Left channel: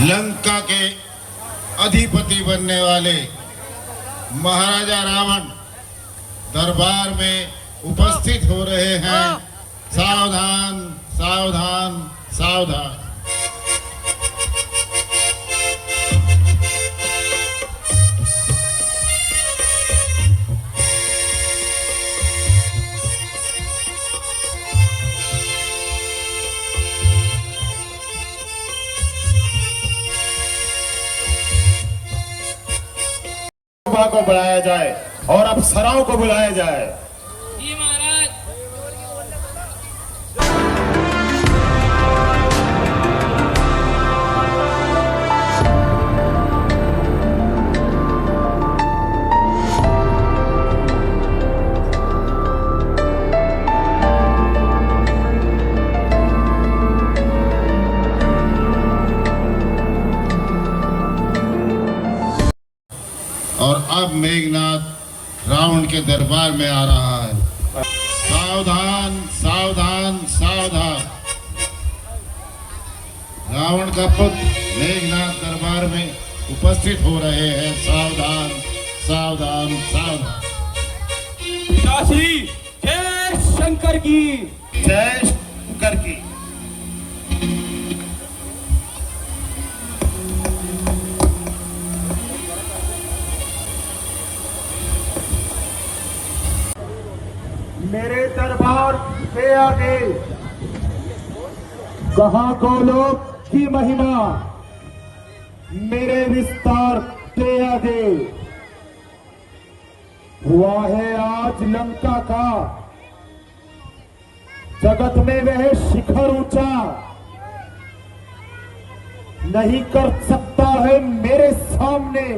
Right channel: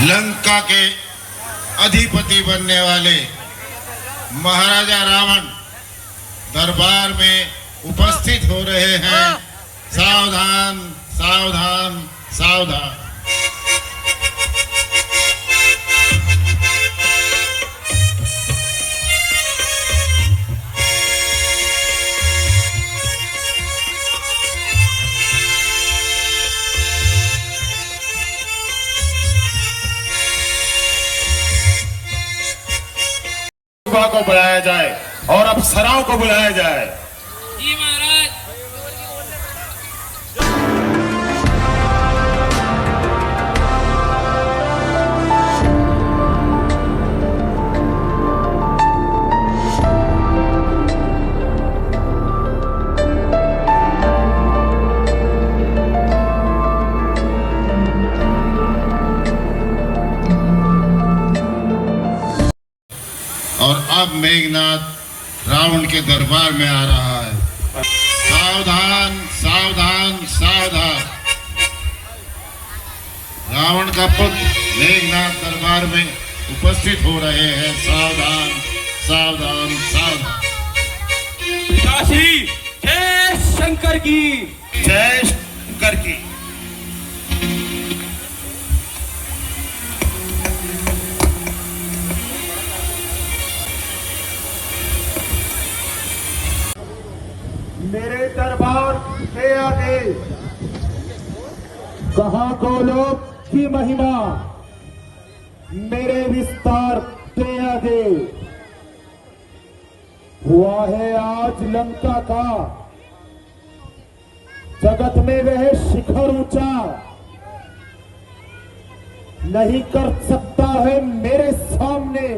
लंका के अधिपति बनने वाले महाराजा रावण दरबार में उपस्थित हो रहे हैं। सावधान सावधान सावधान। को बुलाया जाए और अप्सराओं को बुलाया जाए। जी महाराज। और अब मेघनाथ रावण के दरबार में आ रहा है। सावधान सावधान सावधान। रावण का पुत्र मेघनाथ दरबार में उपस्थित हो रहे हैं। सावधान सावधान सावधान। पिताश्री जय शंकर की। जय शंकर की। मेरे दरबार से आगे कहाँ को लोग की महिमा, मेरे विस्तार के आगे हुआ है आज लंका का जगत में वह शिखर ऊंचा, नहीं कर सकता है मेरे सामने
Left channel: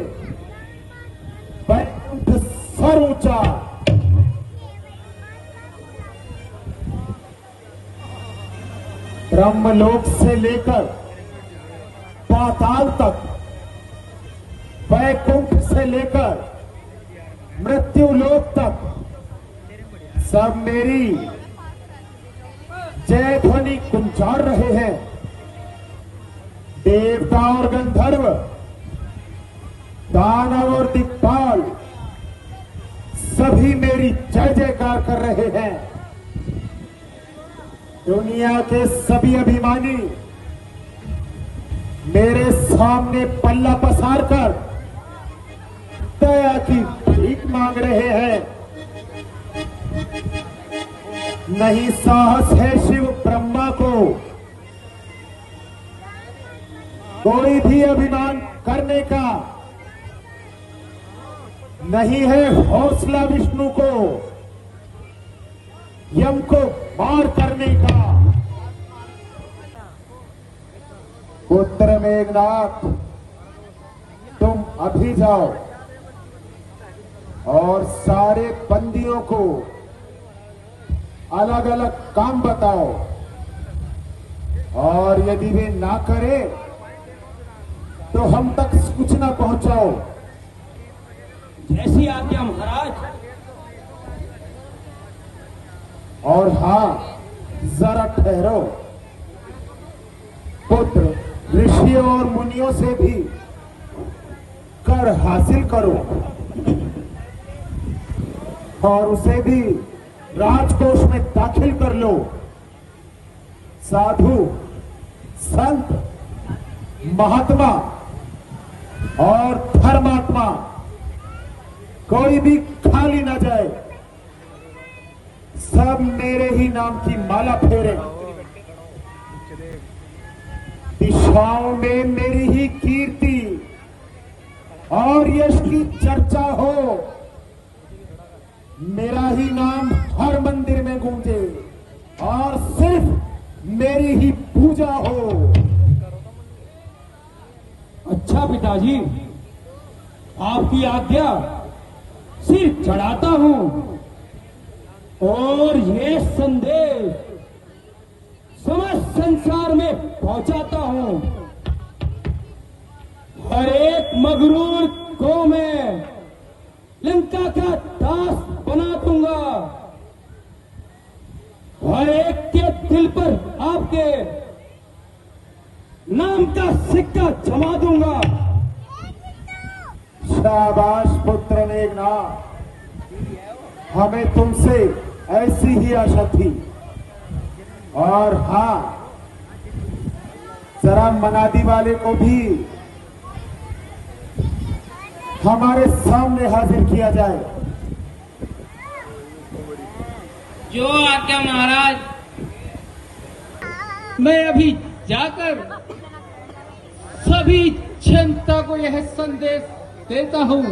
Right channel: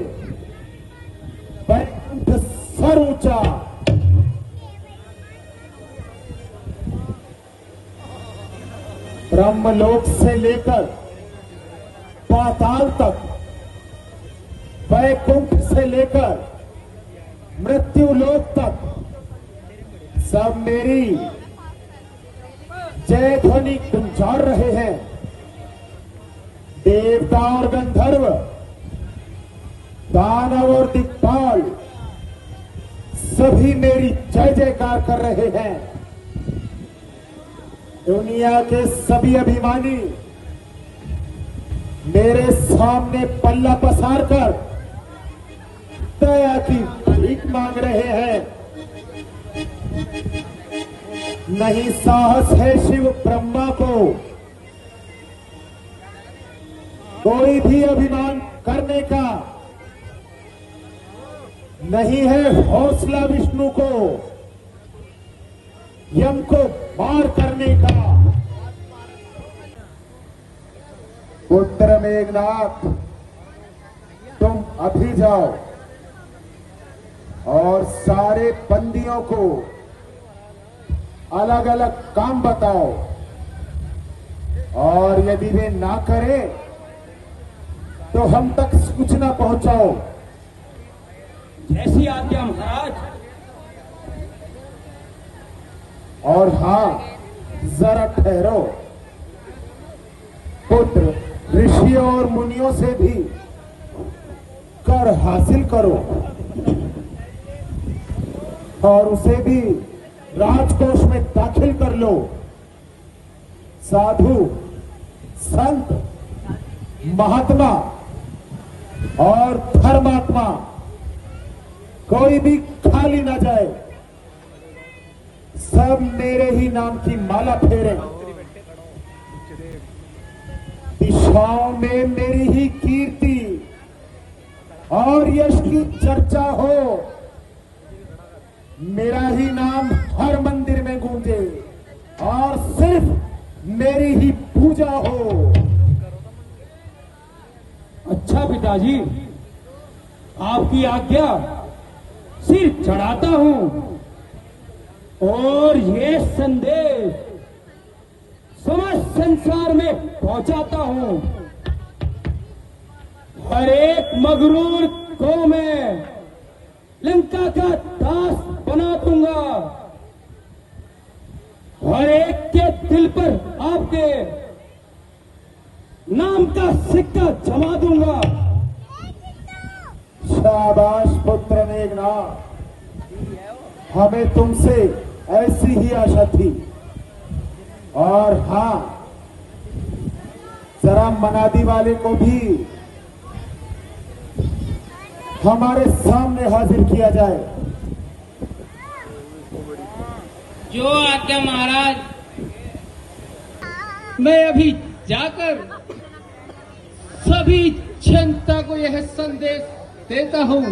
बैकुंठ सर ऊंचा। ब्रह्मलोक से लेकर पाताल तक, वैकुंठ से लेकर मृत्युलोक तक सब मेरी जय ध्वनि गुंजार रहे हैं। देवता और गंधर्व, दानव और दिक्पाल सभी मेरी जय जयकार कर रहे हैं। दुनिया के सभी अभिमानी मेरे सामने पल्ला पसार कर दया की भीख मांग रहे हैं। नहीं साहस है शिव ब्रह्मा को कोई भी अभिमान करने का, नहीं है हौसला विष्णु को यम को मार करने का। पुत्र मेघनाथ, तुम अभी जाओ और सारे बंदियों को अलग अलग काम बताओ, और यदि वे ना करें तो हम तक सूचना पहुंचाओ। जैसी आज्ञा महाराज। और हां, जरा ठहरो। पुत्र ऋषियों और मुनियों से भी कर हासिल करो और उसे भी राजकोष में दाखिल कर लो। साधु, संत, महात्मा और धर्मात्मा कोई भी खाली ना जाए। सब मेरे ही नाम की माला फेरे, दिशाओं में मेरी ही कीर्ति और यश की चर्चा हो। मेरा ही नाम हर मंदिर में गूंजे और सिर्फ मेरी ही पूजा हो। अच्छा पिताजी, आपकी आज्ञा सिर चढ़ाता हूं और ये संदेश समस्त संसार में पहुंचाता हूं। हर एक मगरूर को मैं लंका का दास बना दूंगा। हर एक के दिल पर आपके नाम का सिक्का जमा दूंगा। शाबाश पुत्र मेघनाथ, हमें तुमसे ऐसी ही आशा थी। और हाँ, जरा मनादी वाले को भी हमारे सामने हाजिर किया जाए। जो आज्ञा महाराज। मैं अभी जाकर सभी जनता को यह संदेश देता हूँ।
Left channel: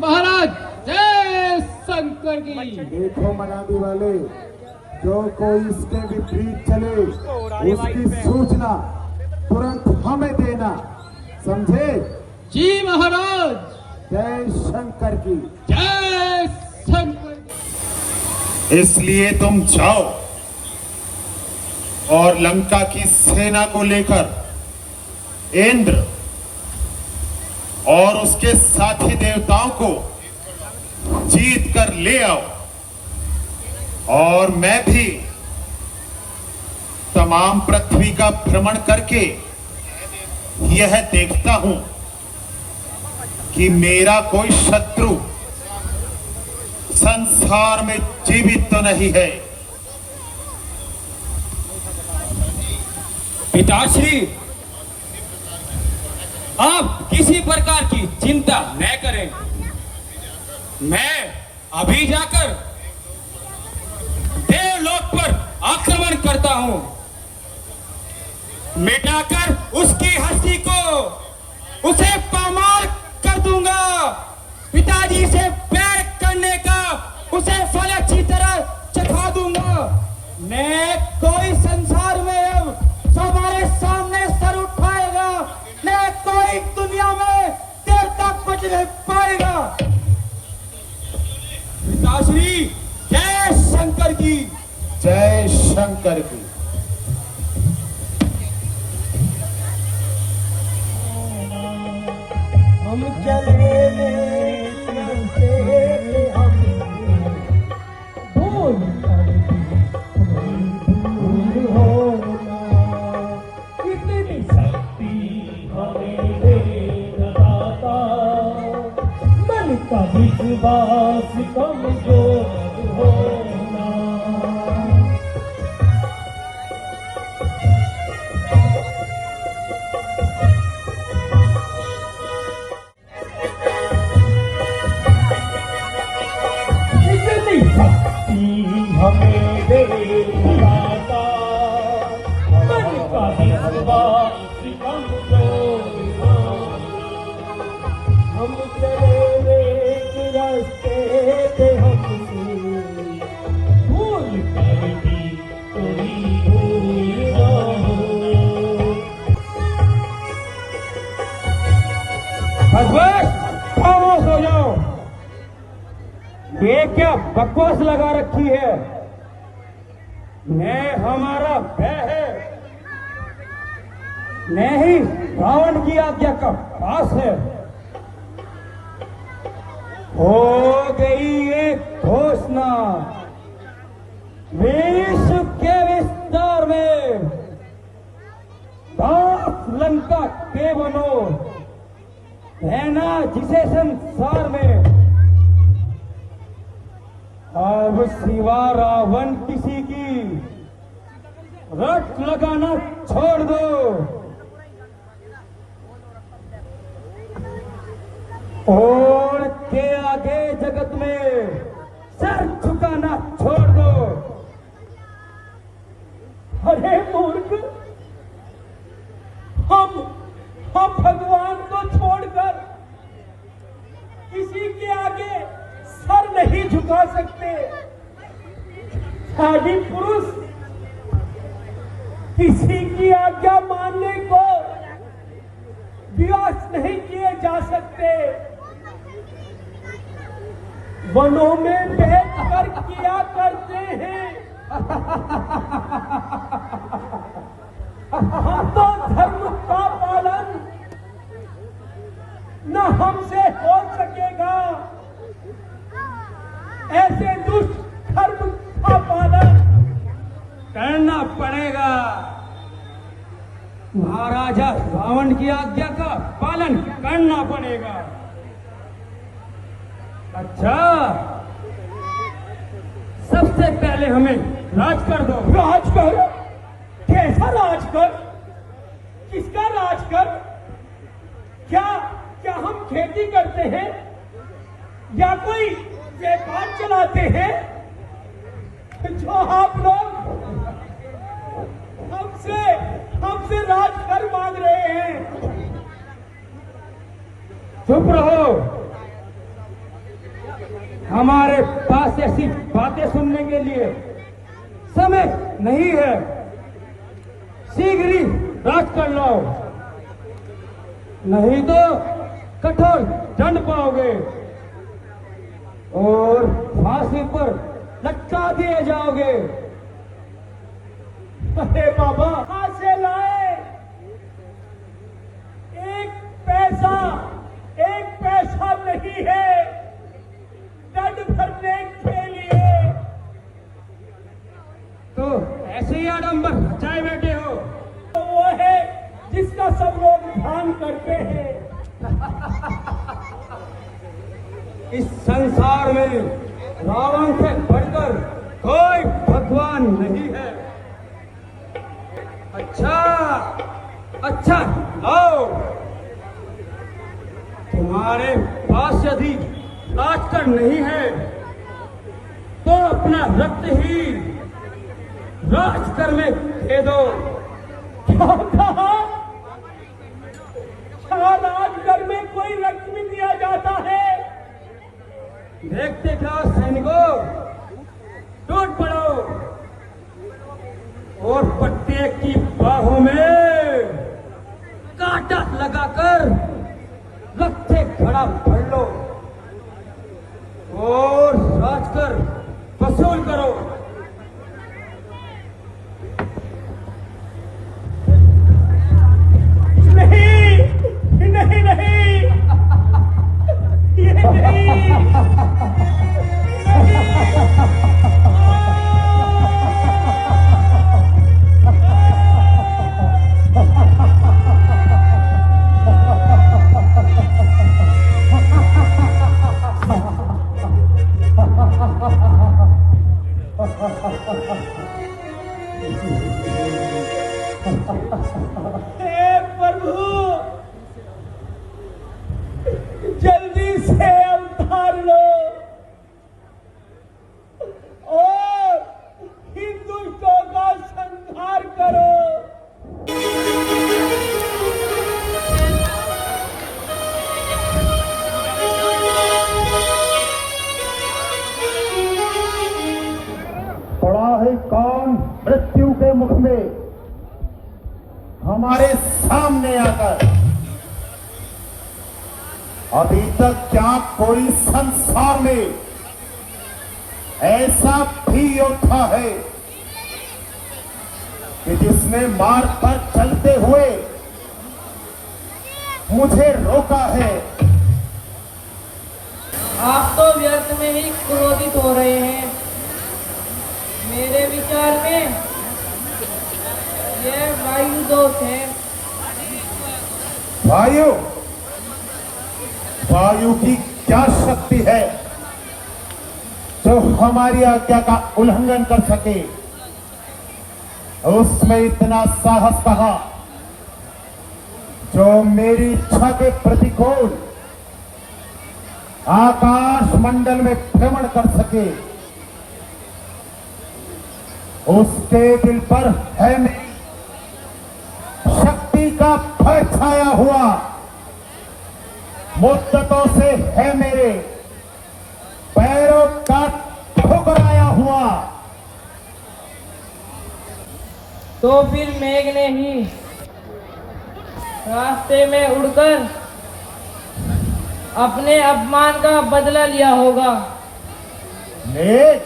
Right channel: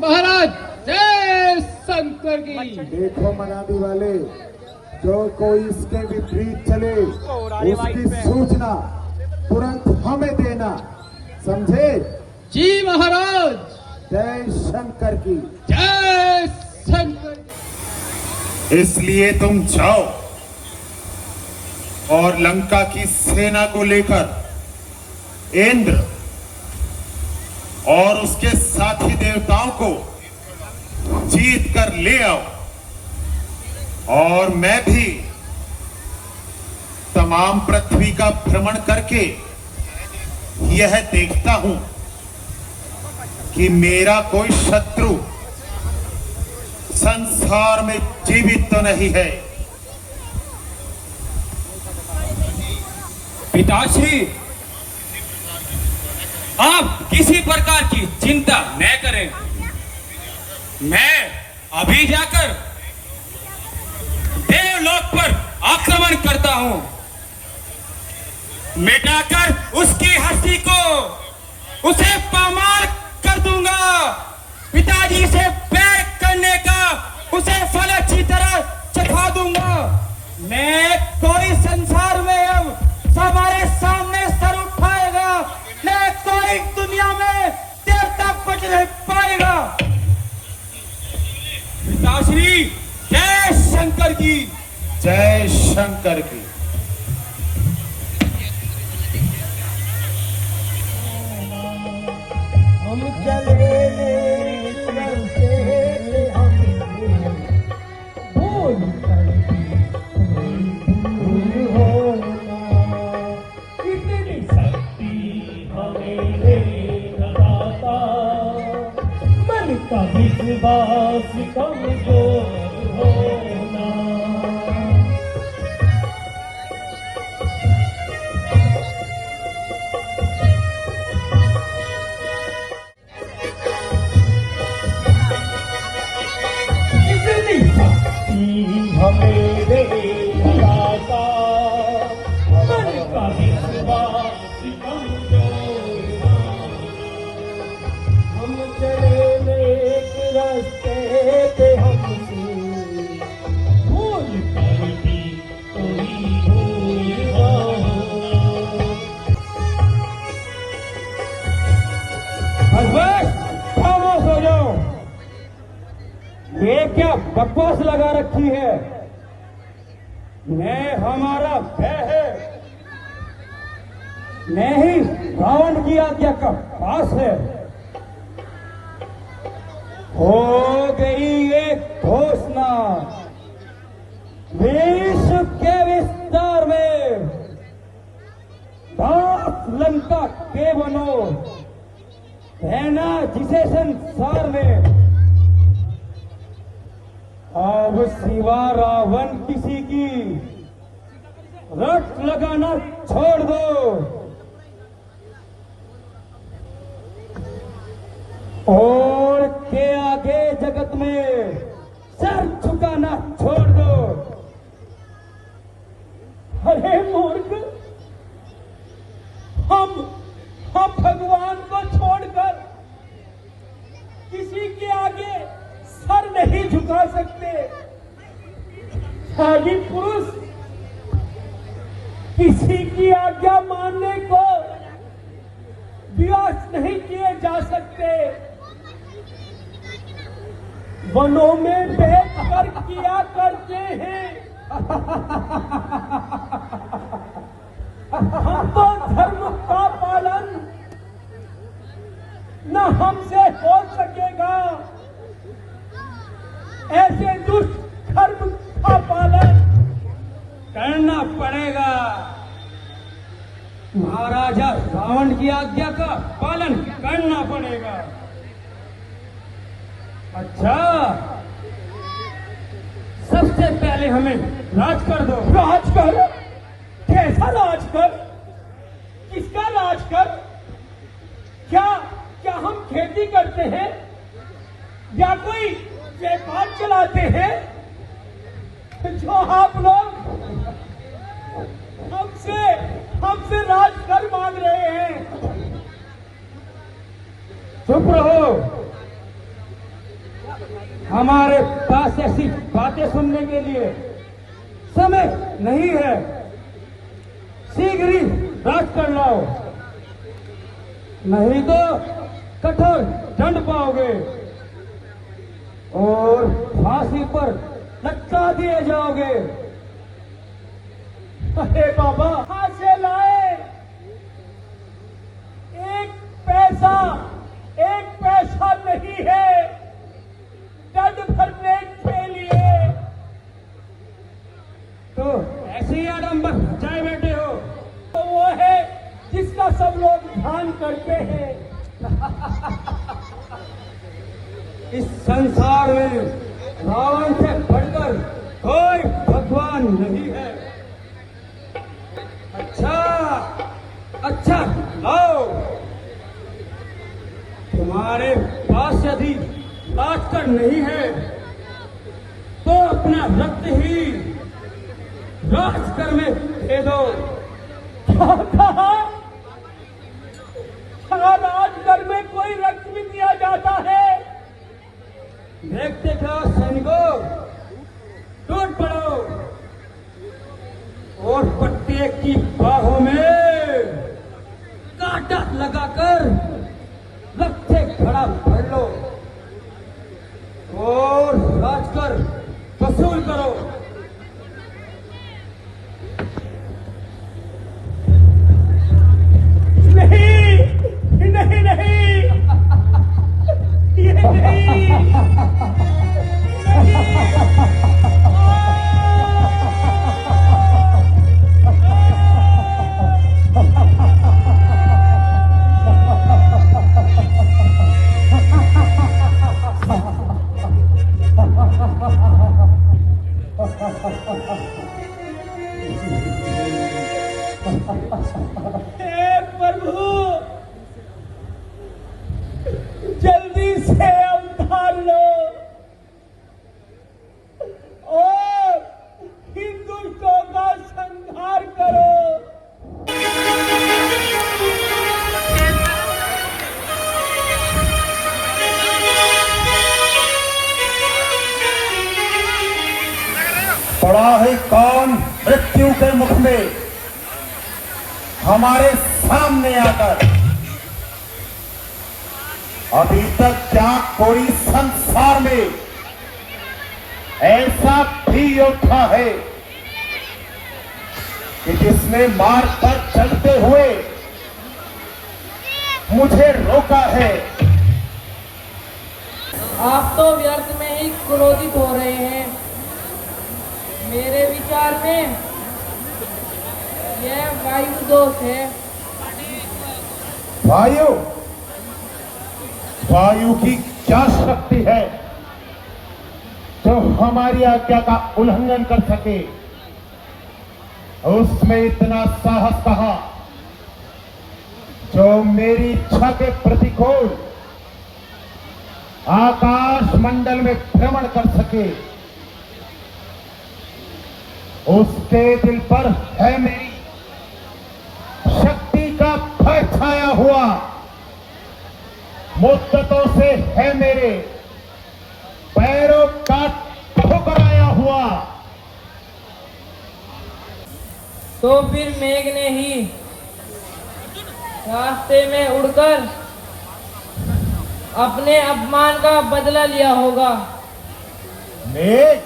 महाराज जय शंकर की। देखो मनादी वाले, जो कोई इसके विपरीत चले उसकी सूचना तुरंत हमें देना, समझे? जी महाराज। जय शंकर की। जय शंकर। इसलिए तुम जाओ और लंका की सेना को लेकर इंद्र और उसके साथी देवताओं को जीत कर ले आओ। और मैं भी तमाम पृथ्वी का भ्रमण करके यह देखता हूं कि मेरा कोई शत्रु संसार में जीवित तो नहीं है। पिताश्री, आप किसी प्रकार की चिंता न करें। मैं अभी जाकर देवलोक पर आक्रमण करता हूं, मिटाकर उसकी हस्ती को उसे पामार कर दूंगा। पिताजी से बैर करने का उसे फल अच्छी तरह चखा दूंगा। मैं कोई संसार में अब हमारे सामने सर उठाएगा, न कोई दुनिया में देवता बच नहीं पाएगा। पिताश्री जय शंकर की। जय शंकर की। हम चले भूल होना, इतनी शक्ति हमें दाता, मन का विश्वास कमजोर होना। इतनी शक्ति हमें दे दाता, मन का विश्वास कमजोर होना। हम चले एक रास्ते पे, हमसे भूल कर भी कोई भूल ना हो। बस खामोश हो जाओ। ये क्या बकवास लगा रखी है? मैं हमारा भय है, नहीं रावण की आज्ञा का पास है। हो गई एक घोषणा, विश्व के विस्तार में 10 लंका के बनो, रहना जिसे संसार में। अब सिवा रावण किसी की रट लगाना छोड़ दो, और के आगे जगत में सर झुकाना छोड़ दो। अरे मूर्ख, हम भगवान को छोड़कर किसी के आगे सर नहीं झुका सकते। आदि पुरुष किसी की आज्ञा मानने को विवश नहीं किए जा सकते। वनों में बैठकर किया करते हैं। हम तो धर्म का पालन न हमसे हो सकेगा, ऐसे दुष्ट धर्म का पालन करना पड़ेगा। महाराजा रावण की आज्ञा का पालन करना पड़ेगा। अच्छा, सबसे पहले हमें राज कर दो। राज कर? कैसा राज कर? किसका राज कर? क्या क्या हम खेती करते हैं या कोई व्यापार चलाते हैं जो आप लोग हमसे राज कर मांग रहे हैं? चुप रहो, हमारे पास ऐसी बातें सुनने के लिए समय नहीं है। शीघ्र ही राज कर लो, नहीं तो कठोर दंड पाओगे और फांसी पर लटका दिए जाओगे। अरे बाबा, कहां से लाए एक पैसा नहीं है दंड भरने के लिए। तो ऐसे ही आडंबर चाहे बैठे हो। तो वो है जिसका सब लोग ध्यान करते हैं। इस संसार में रावण से बढ़कर कोई भगवान नहीं है। अच्छा लो, तुम्हारे पास यदि राजकर नहीं है तो अपना रक्त ही राजकर में दे दो। क्या कहा? राजकर में कोई रक्त भी दिया जाता है? देखते क्या सैनिकों, टूट पड़ो और प्रत्येक की बाहों में कांटा लगाकर रक्त से घड़ा भर लो और राजकर वसूल करो। जल्दी से अवतार लो और हिंदुओं का संहार करो। पड़ा है कौन मृत्यु के मुख में हमारे सामने आकर? अभी तक क्या कोई संसार में ऐसा भी योद्धा है कि जिसने मार्ग पर चलते हुए मुझे रोका है? आप तो व्यर्थ में ही क्रोधित हो रहे हैं। मेरे विचार में यह वायु दोष है। वायु की क्या शक्ति है जो हमारी आज्ञा का उल्लंघन कर सके? उसमें इतना साहस कहां जो मेरी इच्छा के प्रतिकूल आकाश मंडल में भ्रमण कर सके? उसके दिल पर है मेरी शक्ति का भय छाया हुआ, मुद्दतों से है मेरे पैरों का ठुकराया हुआ। तो फिर मेघ ने ही रास्ते में उड़कर अपने अपमान का बदला लिया होगा। मेघ?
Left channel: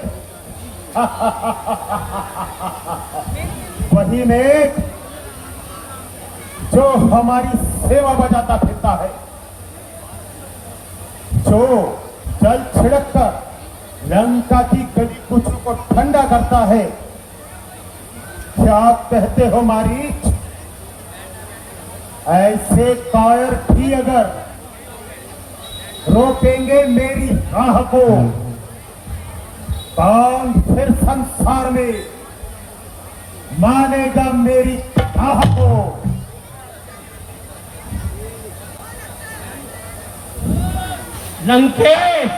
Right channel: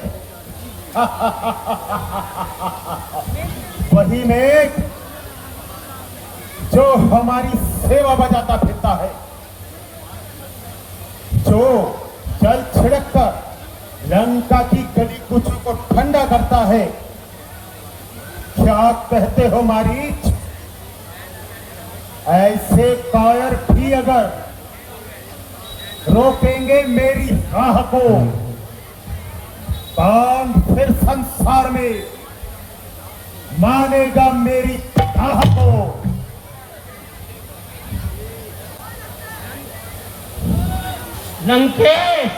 वही मेघ जो हमारी सेवा बजाता फिरता है, जो जल छिड़ककर लंका की गली कूचों को ठंडा करता है। क्या कहते हो मारीच? ऐसे कायर भी अगर रोकेंगे मेरी राह को, कौन फिर संसार में मानेगा मेरी राह को। लंकेश,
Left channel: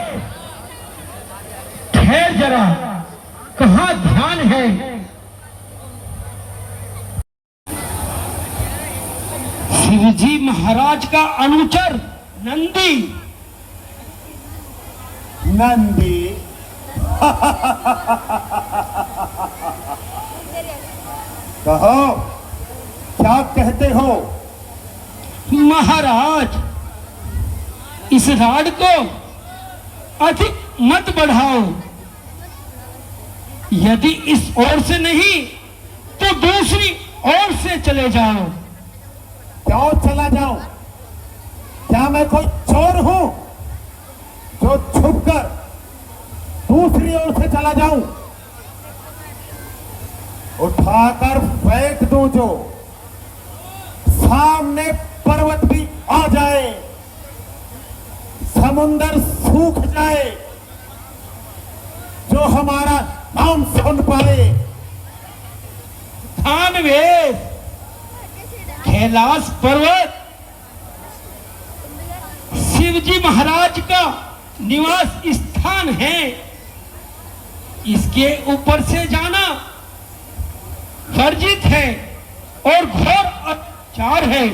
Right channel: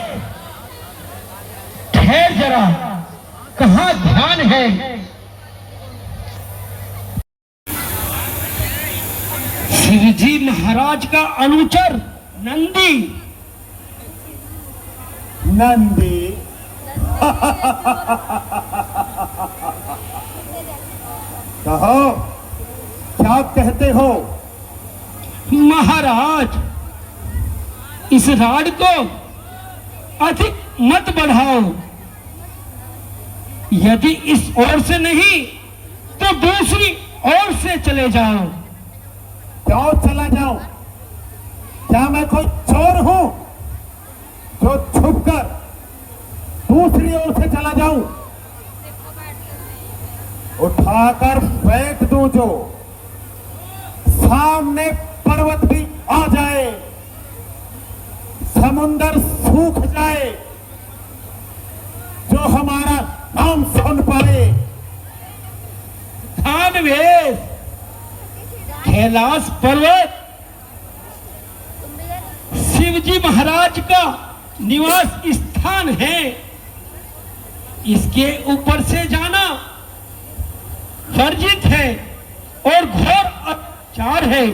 ठहर जरा, कहाँ ध्यान है? शिवजी महाराज का अनुचर नंदी। नंदी कहो, क्या कहते हो? महाराज, इस राड को अधिक मत बढ़ाओ। यदि इस ओर से नहीं तो दूसरी ओर से चले जाओ। क्यों चला जाऊं? क्या मैं कोई चोर हूं जो छुपकर दूसरी ओर से चला जाऊं? उठाकर फेंक दूं जो सामने पर्वत भी आ जाए, समुंदर सूख जाए, जो हमारा नाम सुन पाए। दानवेश, कैलाश पर्वत शिवजी महाराज का निवास स्थान है। इसके ऊपर से जाना वर्जित है और घोर अत्याचार है।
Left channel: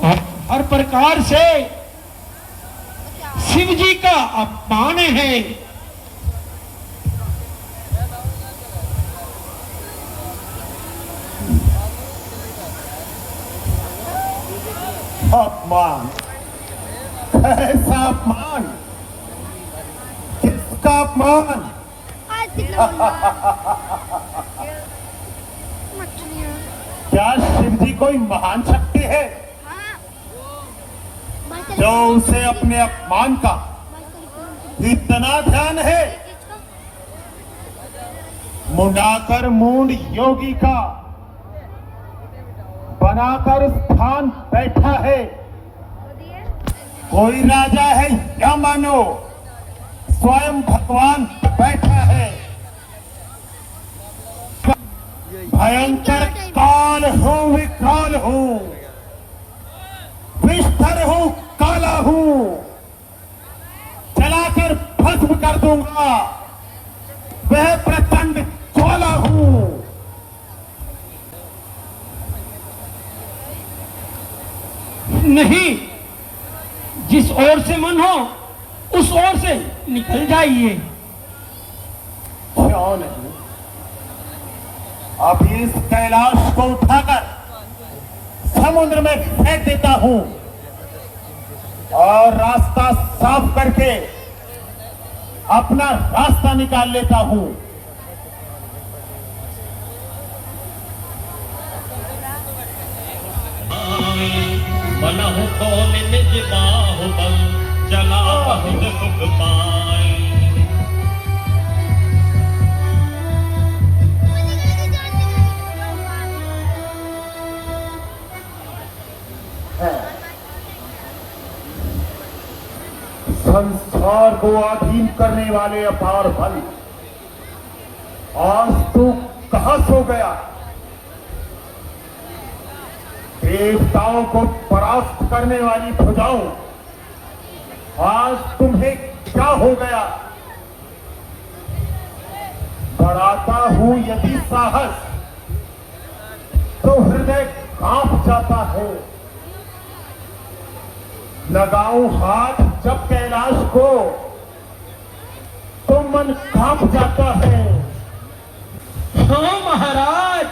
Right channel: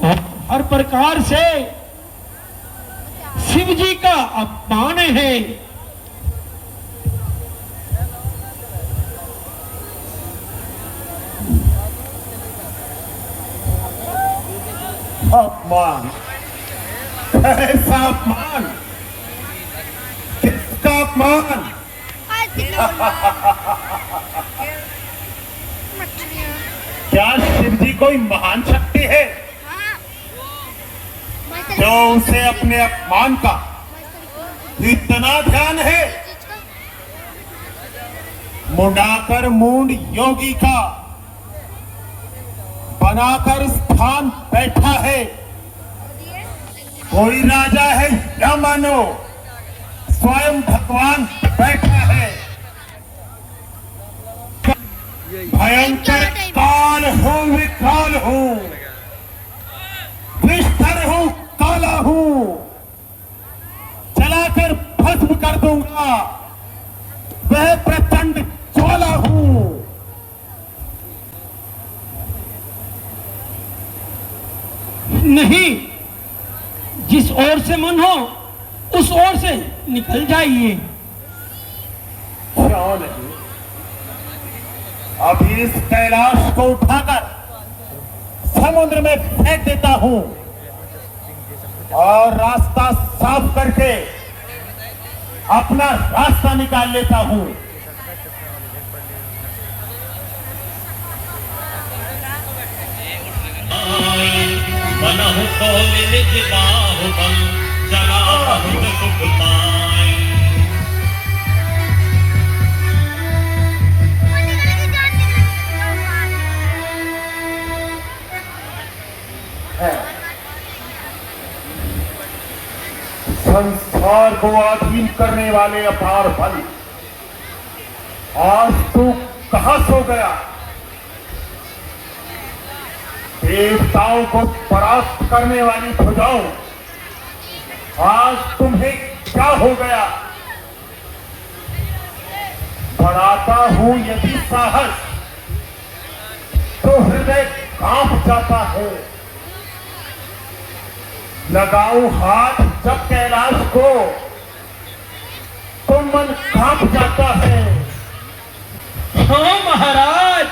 और हर प्रकार से शिवजी का अपमान है। अपमान? ऐसा अपमान? किसका अपमान? क्या शिवजी कोई महान शक्ति है जो उसे अपने अपमान का इतना ध्यान है? मुंडाकर मूंड योगी का बनाकर स्थान बैठा है। कोई राजा है या मानो स्वयं भगवान बैठा है। भयंकर काल हूं, विकाल हूं, विस्तर हूं, काला हूं, जलाकर भस्म कर दूंगा। वह प्रचंड ज्वाला हूं। नहीं, जिस ओर से मन हो उस ओर से निकल जाइए। क्यों नहीं? अभी इस कैलाश को उठाकर समुद्र में फेंक देता हूं और रास्ता साफ करके अपना रास्ता निकाल लेता हूं। मनहु को निज बाहुबल जलाहुद सुख पाई। संसार को अधीन करने वाले अपार बल, आज तू कहां सो गया? देवताओं को परास्त करने वाली भुजाओं, आज तुम्हें क्या हो गया? बढ़ाता हूं यदि साहस तो हृदय कांप जाता है। लगाऊं हाथ जब कैलाश को तो मन कांप जाता है। हाँ महाराज,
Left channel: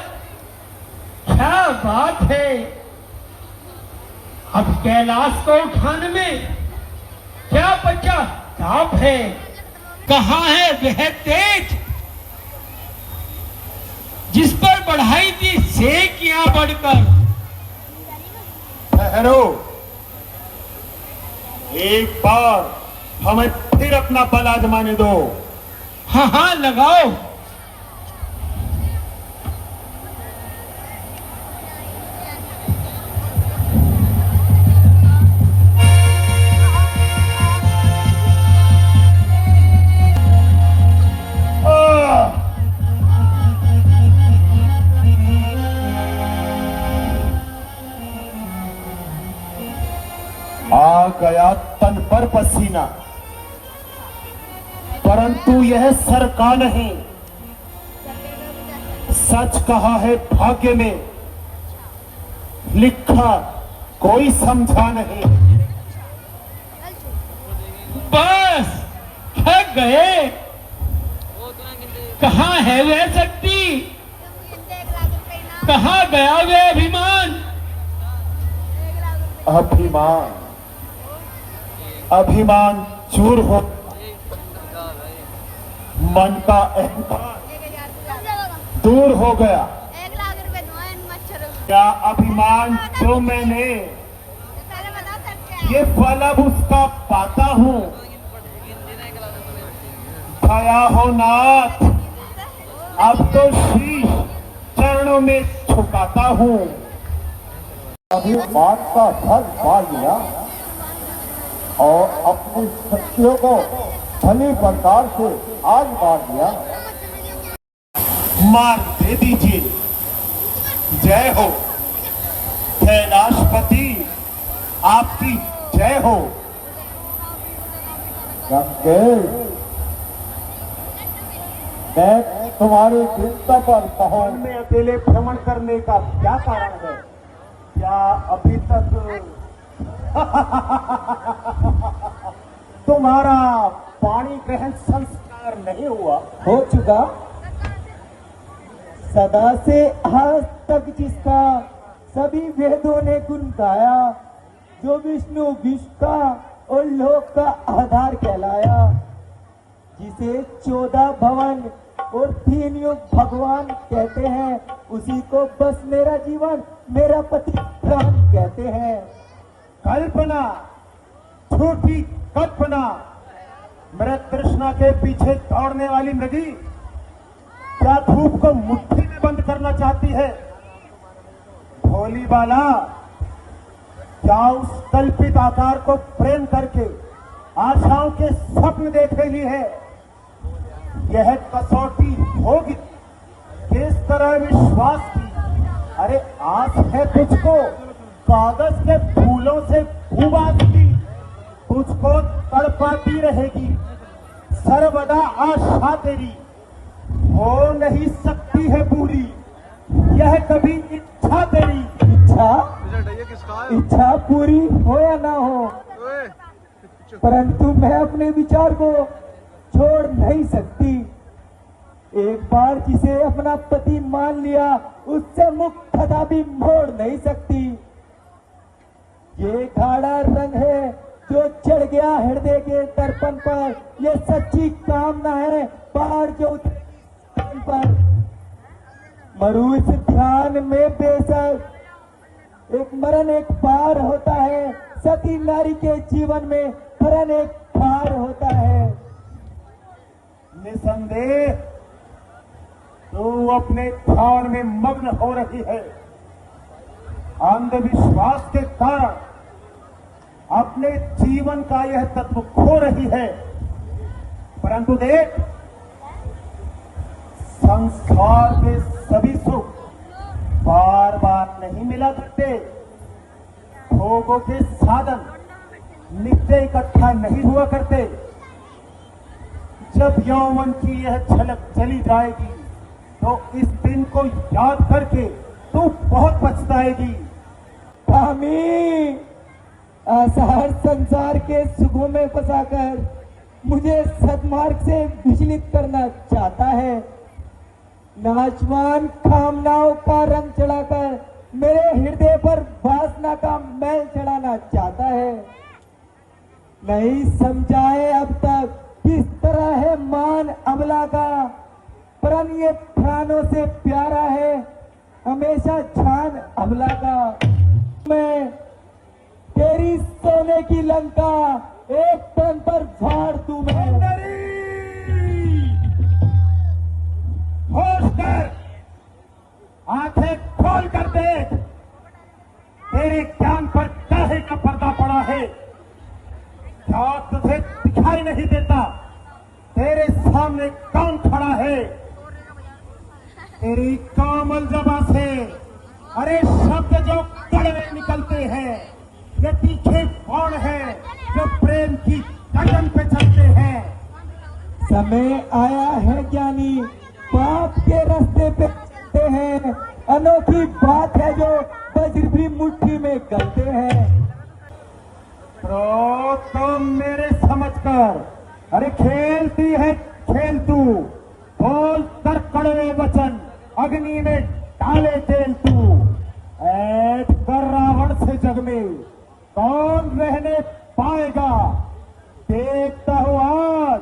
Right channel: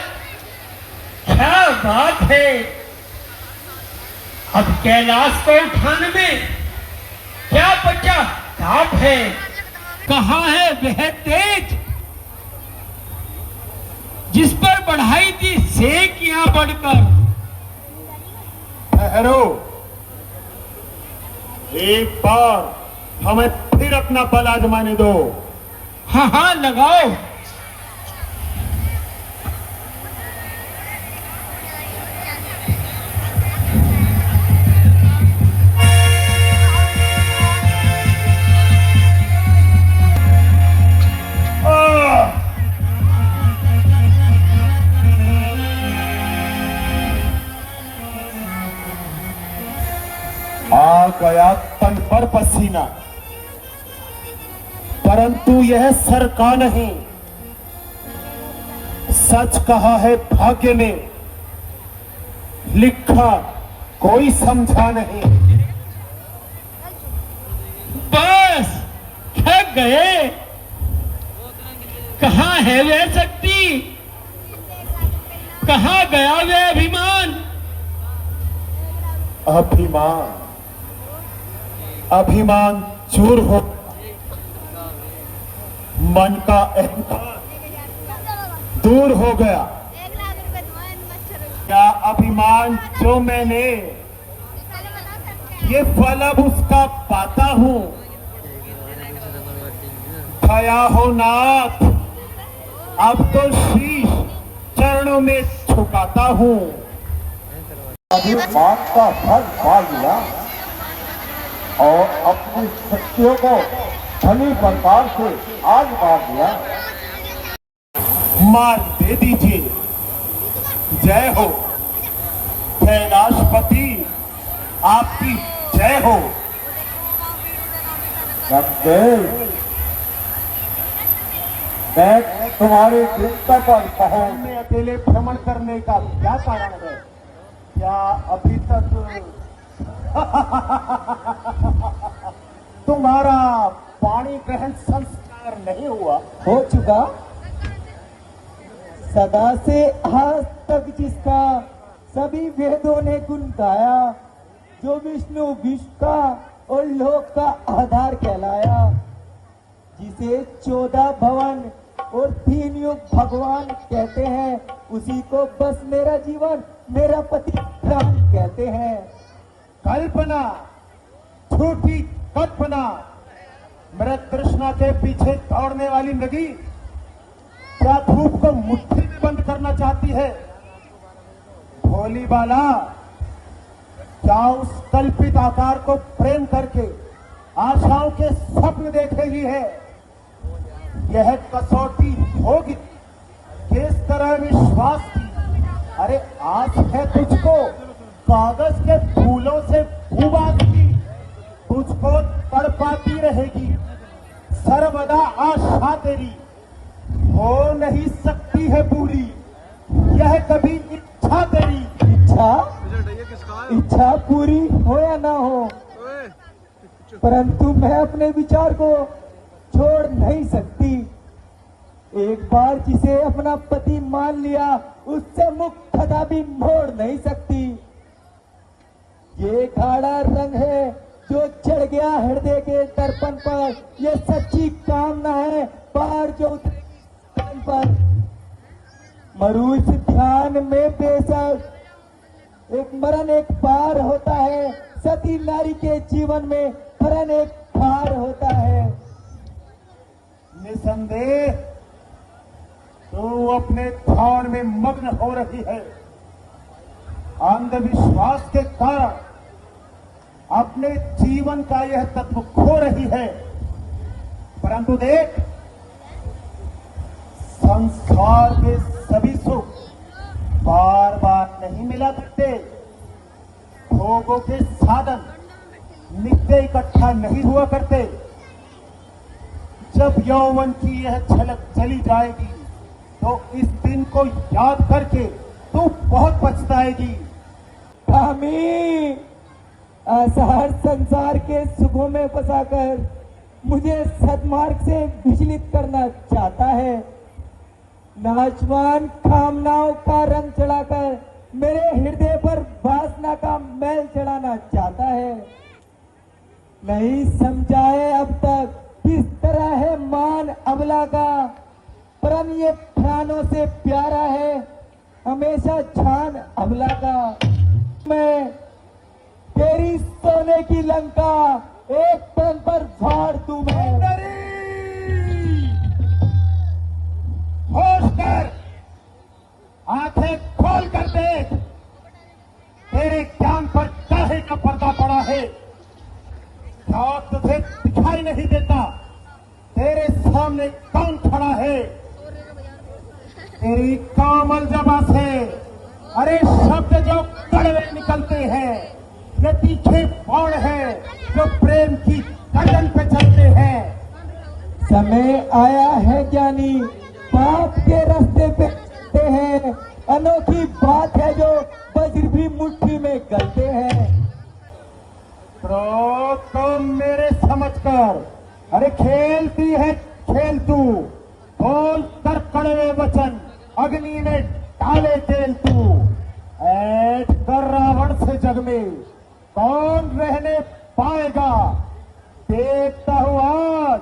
क्या बात है। अब कैलाश को उठाने में क्या बचा ताप है। कहाँ है वह तेज जिस पर बढ़ाई थी सेक यहां बढ़कर। ठहरो, एक बार हमें फिर अपना बल आजमाने दो। हाँ हाँ लगाओ। आ गया तन पर पसीना, परंतु यह सर का नहीं, सच कहा है भाग्य में, लिखा कोई समझा नहीं। बस थक गए। कहाँ है वह शक्ति, कहाँ गया वह अभिमान। अभिमान अभिमान चूर हो, मन का अहंकार दूर हो गया। क्या अभिमान जो मैंने ये फल अब उसका पाता हूँ। दया हो नाथ, अब तो शीश चरणों में झुकाता हूँ। अभी बात का फल पा लिया और अपनी शक्तियों को भली प्रकार से आग मार दिया। मार दे दीजिए। जय हो कैलाशपति, आपकी जय हो। मैं तुम्हारे चिंता पर पहाड़ में अकेले भ्रमण करने का क्या कारण है? क्या अभी तक तुम्हारा पानी ग्रहण संस्कार नहीं हुआ? हो चुका। सदा से आज तक जिसका सभी वेदों ने गुण गाया, जो विष्णु विष्टा और लोक का आधार कहलाया, जिसे 14 भवन और 3 युग भगवान कहते हैं, उसी को बस मेरा जीवन मेरा पति राम कहते हैं। कल्पना, झूठी कल्पना, मृत तृष्णा के पीछे दौड़ने वाली नदी क्या धूप को मुट्ठी में बंद करना चाहती है? भोली बाला, क्या उस कल्पित आकार को प्रेम करके आशाओं के स्वप्न देख रही है? यह कसौटी होगी किस तरह विश्वास की? अरे आस है तुझको कागज के फूलों से भूबात की, तुझको तड़पाती रहेगी सर्वदा आशा तेरी, हो नहीं सकती है पूरी यह कभी इच्छा तेरी। इच्छा पूरी हो या ना हो, परंतु मैं अपने विचार को छोड़ नहीं सकती। एक बार जिसे अपना पति मान लिया, उससे मुख कदापि मोड़ नहीं सकती। ये गाढ़ा रंग है जो चढ़ गया हृदय के दर्पण पर, ये सच्ची कामना है पार जो पर। मरुष ध्यान में बेसर एक मरण एक पार होता है, सती नारी के जीवन में मरण एक पार होता है। निसंदेह तू अपने ध्यान में मग्न हो रही है, अंधविश्वास के कारण अपने जीवन का यह तत्व खो रही है। परंतु देख, संसार के सभी सुख बार बार नहीं मिला करते, भोगों के साधन नित्य इकट्ठा नहीं हुआ करते। जब यौवन की यह झलक चली जाएगी तो इस दिन को याद करके तू बहुत पछताएगी। स्वामी, आसार संसार के सुखों में फंसाकर मुझे सद्मार्ग से विचलित करना चाहता है। नाचवान कामनाओं का रंग चढ़ाकर मेरे हृदय पर वासना का मैल चढ़ाना चाहता है। नहीं समझाए अब तक किस तरह है मान अबला का, परम ये प्राणों से प्यारा है हमेशा छान अबला का। मैं तेरी सोने की लंका एक तन पर झाड़ दूं मैं। होश कर, आंखें खोल कर देख, तेरे ज्ञान पर काहे का पर्दा पड़ा है? क्या तुझे दिखाई नहीं देता? तेरे सामने कौन खड़ा है? तेरी कामल जबा से अरे शब्द जो कड़वे निकलते हैं, ये तीखे बाण है। मुट्ठी में गलते हैं। तो तुम मेरे समझ कर, अरे खेलती है खेल तू, बोल कर कड़वे वचन, अग्नि में डाले तेल तू। ऐठ कर रावण से जग में कौन रहने पाएगा, देखता हूँ आज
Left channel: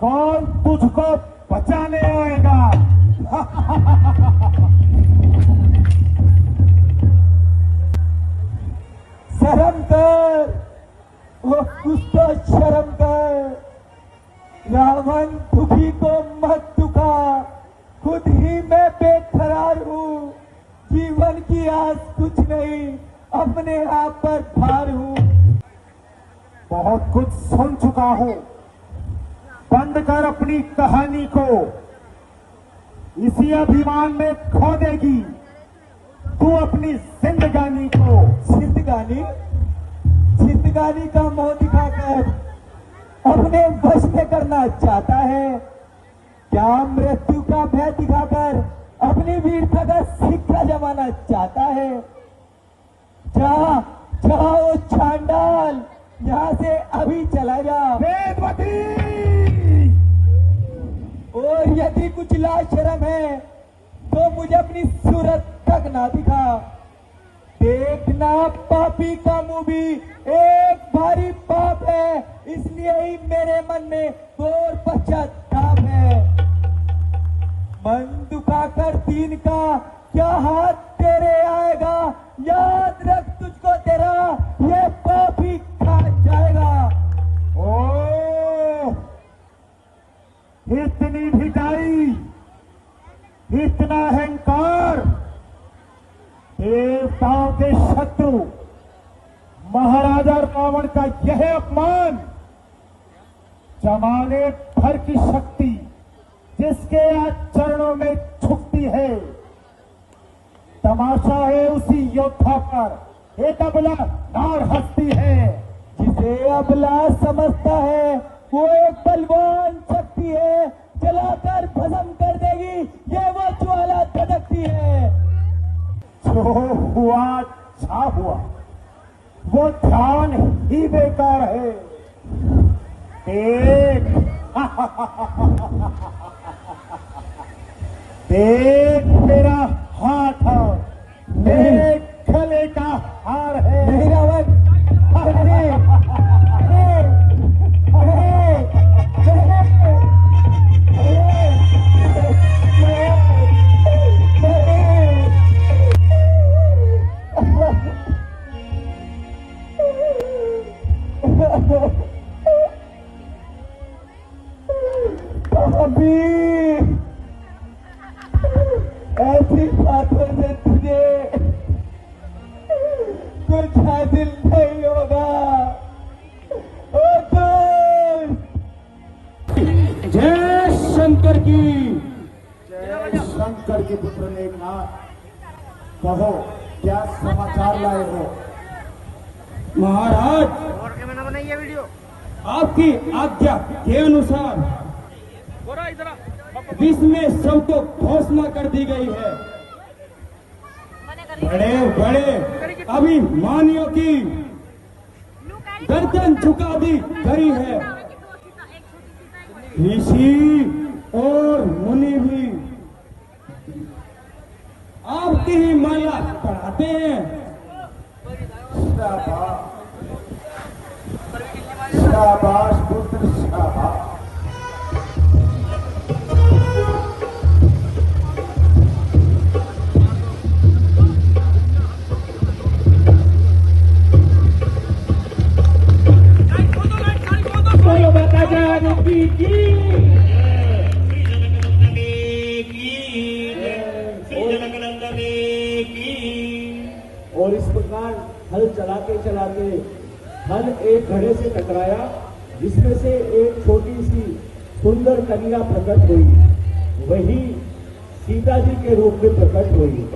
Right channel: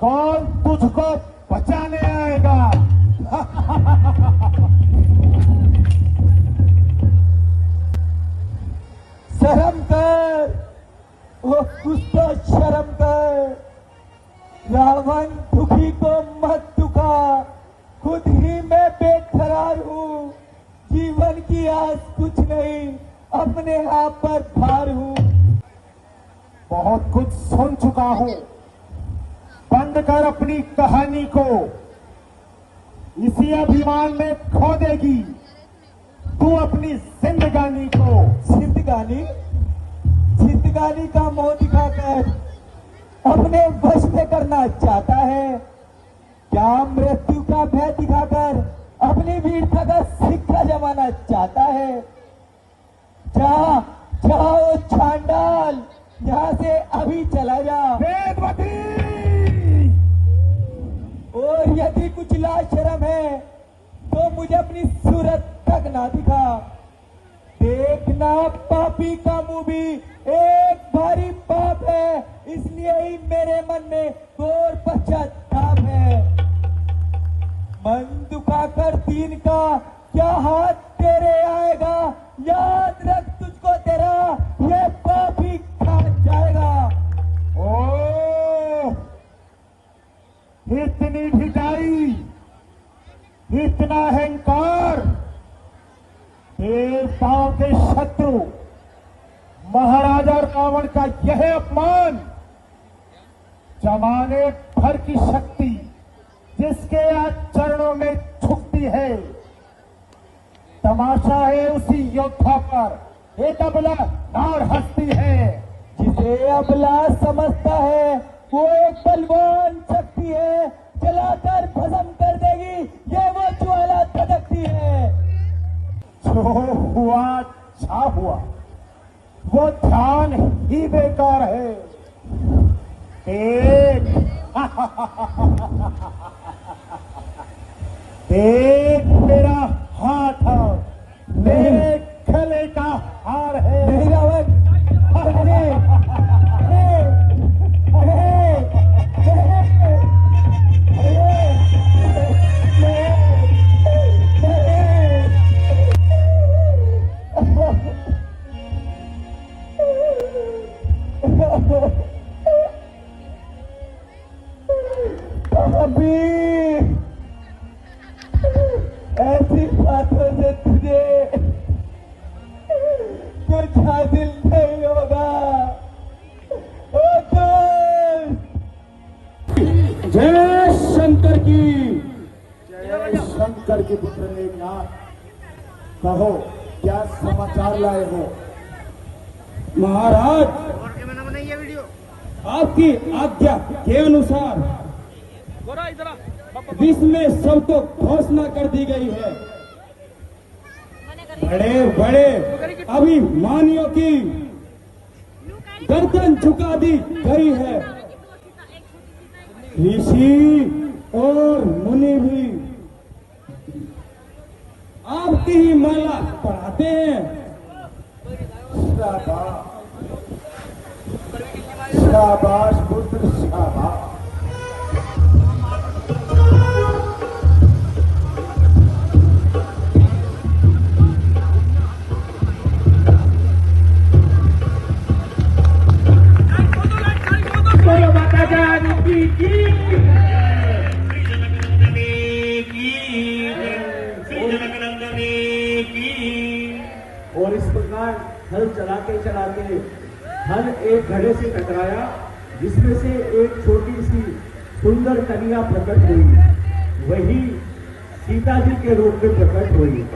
कौन तुझको बचाने आएगा। शर्म कर, वो कुछ तो शर्म कर। रावण दुखी को मत दुखा, खुद ही मैं बेकरार हूँ। जीवन की आस कुछ नहीं, अपने आप पर भार हूँ। बहुत कुछ सुन चुका हूँ, बंद कर अपनी कहानी को, इसी अभिमान में खो देगी तू अपनी जिंदगानी को। जिंदगानी जिंदगानी का मोह दिखाकर अपने वश में करना चाहता है क्या? मृत्यु का भय दिखाकर अपनी वीरता का सिक्का जमाना चाहता है। जा जाओ चांडाल, यहाँ से अभी चला जा। वेदवती, और यदि कुछ लाज शर्म है तो मुझे अपनी सूरत तक ना दिखा। देखना पापी का मुंह भी एक भारी पाप है, इसलिए ही मेरे मन में घोर पश्चाताप है। मन दुखाकर दीन का क्या हाथ तेरे आएगा, याद रख तुझको तेरा ये पापी खा जाएगा। ओ इतनी ढिठाई, इतना अहंकार, देवताओं के शत्रु महाराजा रावण का यह अपमान, जमाने भर की शक्ति जिसके आज चरणों में झुकती है, तमाशा है उसी योद्धा पर। एक अबला नार हंसती है, जिसे अबला समझता है वो एक बलवान शक्ति है, जलाकर भस्म कर देगी ये वो ज्वाला धधकती है। जो हुआ छा हुआ, वो ध्यान ही बेकार है। देख देख मेरा हाथ है, मेरे गले का हार है। नहीं रावण, अभी ऐसी बातों से तुझे कुछ हासिल नहीं होगा। जय शंकर की। जय शंकर के पुत्र मेघनाथ, कहो क्या समाचार लाए हो? महाराज, आपकी आज्ञा के अनुसार विश्व में सबको घोषणा कर दी गई है। बड़े बड़े अभिमानियों की गर्दन झुका दी गई है। ऋषि और मुनि भी आपकी ही माला पढ़ाते हैं। शाबाश पुत्र, शाबाश। और इस प्रकार हल चलाते चलाते हल एक घड़े से टकराया, जिसमें से एक छोटी सी सुंदर कन्या प्रकट हुई। वही सीता जी के रूप में प्रकट हुई।